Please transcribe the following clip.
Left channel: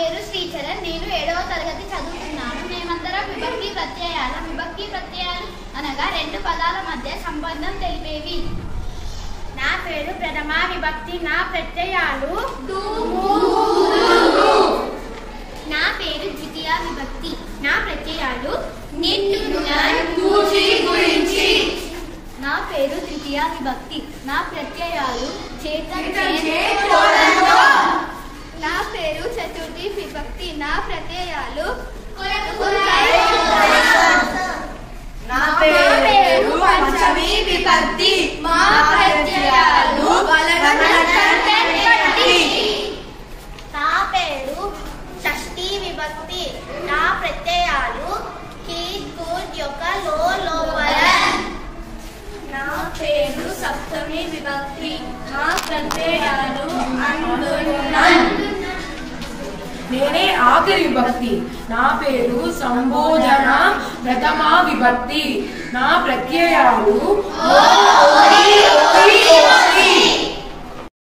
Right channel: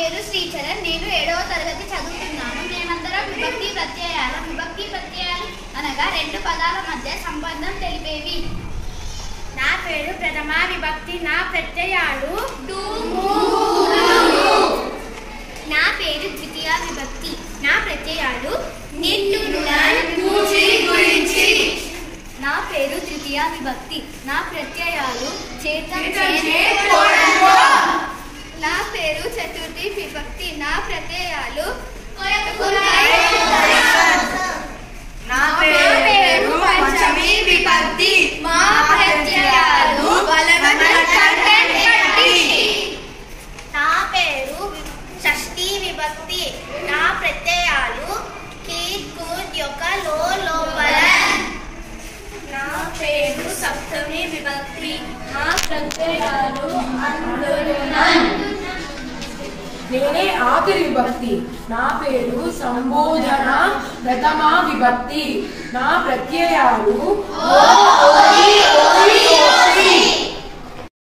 పేరు శ్రీచరణ్. నేను 7వ తరగతి చదువుతున్నాను. మేమందరం విభక్తి ప్రత్యయాలు అనగా రెండు పదాల మధ్య సంబంధం తెలిపేవి. నా పేరు ప్రథమ విభక్తి. నా ప్రత్యయాలు నా పేరు ద్వితీయ విభక్తి. నా ప్రత్యయాలు నా పేరు తృతీయ విభక్తి. నా ప్రత్యయాలు నా పేరు చతుర్థి విభక్తి. నా ప్రత్యయాలు నా పేరు పంచమి విభక్తి. మా ప్రత్యయాలు నా పేరు షష్ఠీ విభక్తి. నా ప్రత్యయాలు యొక్క లోపల. నా పేరు సప్తమి విభక్తి. నా ప్రత్యయాలు నేనే ఆఖరి విభక్తి. నా పేరు సంబోధన ప్రథమ విభక్తి. నా ప్రత్యయాలు